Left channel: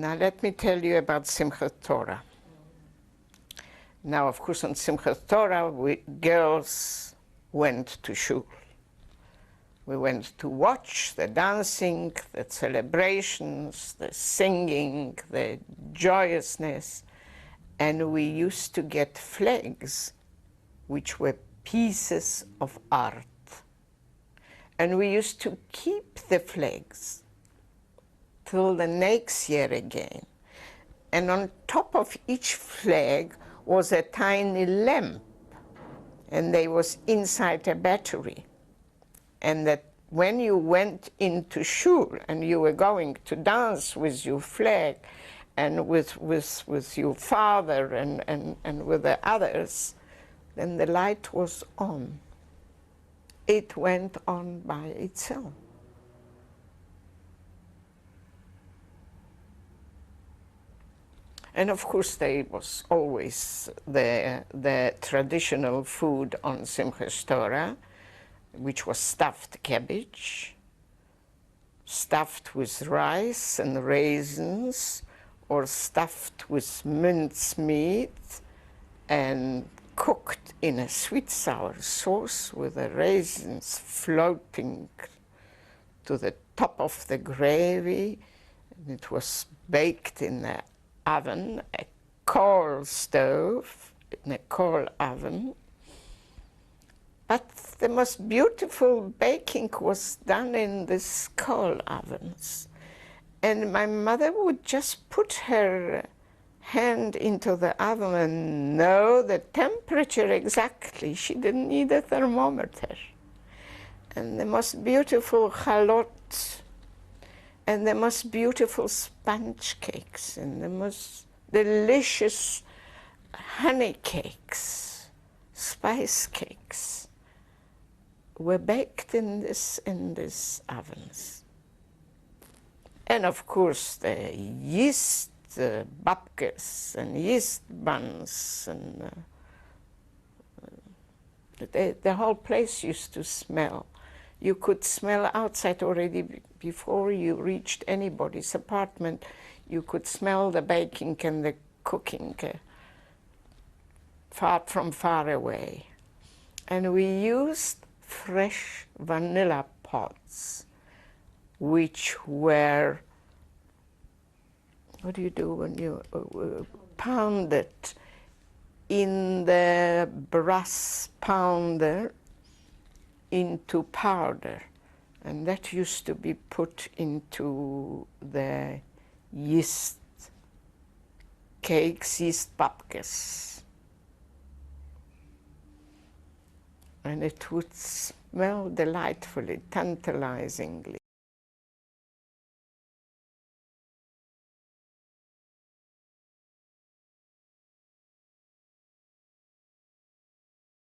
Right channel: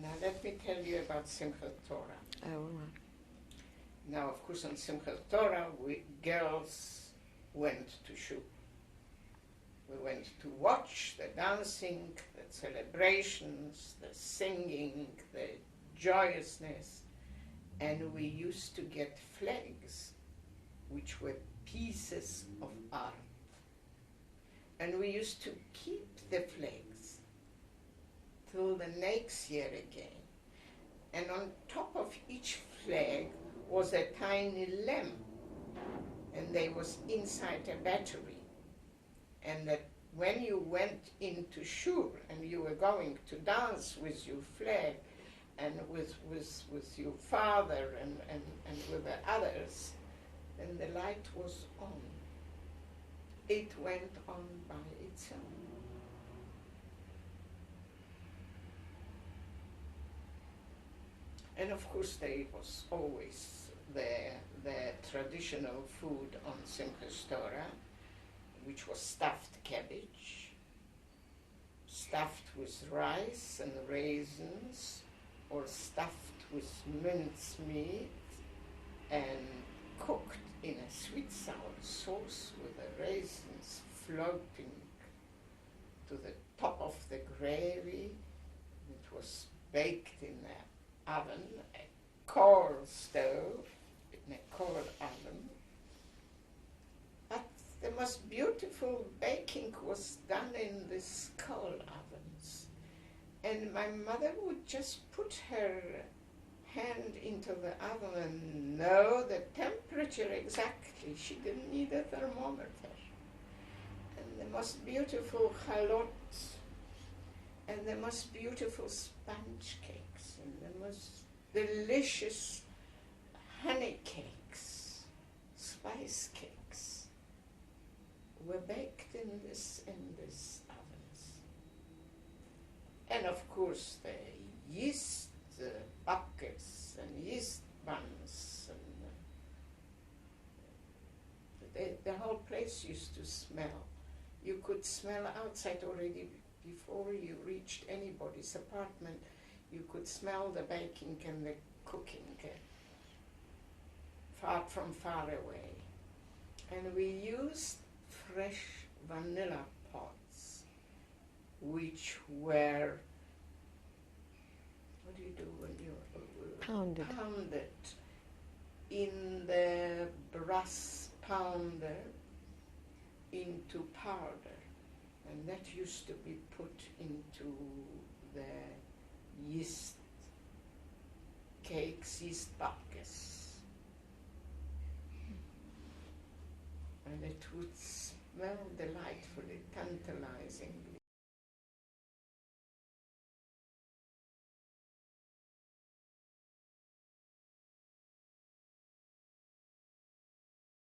Now let me tell you about Simchat Torah. Now, of course, on Simchat Torah, we girls went to shul. We went to watch the dancing, the celebrations, the singing, the joyousness, and we used to get flags, which were pieces of art. And we used to keep the flags till the next year again. And on top of each flag was a tiny lamp, and they was inside a battery. And that when you went into shul and you were going to dance with your flag and with your father and with the others, then the light was on. It went on by itself. And of course there was always the traditional food on Simchas Torah, which was stuffed cabbage, stuffed with rice and raisins, or stuffed with minced meat and cooked in a sweet sour sauce with the raisins floating to the top of the gravy. And it was baked in the oven, a coal stove, in a coal oven. But the most beautiful baking was done in these coal ovens. And my mother would just put her hand into the oven and know the temperature exactly. She didn't need a thermometer. And the most beautiful chalot, and the most beautiful sponge cakes, and the most delicious honey cakes, spice cakes, were baked in these ovens. And of course the yeast babkas and yeast buns, and the whole place used to smell. You could smell outside already before you reached anybody's apartment. You could smell the baking and the cooking from far away. And we used fresh vanilla pods, which were, what do you do when you pound it in the brass pounder into powder, and that used to be put into the yeast cakes, yeast babkas, and it would smell delightfully, tantalizingly.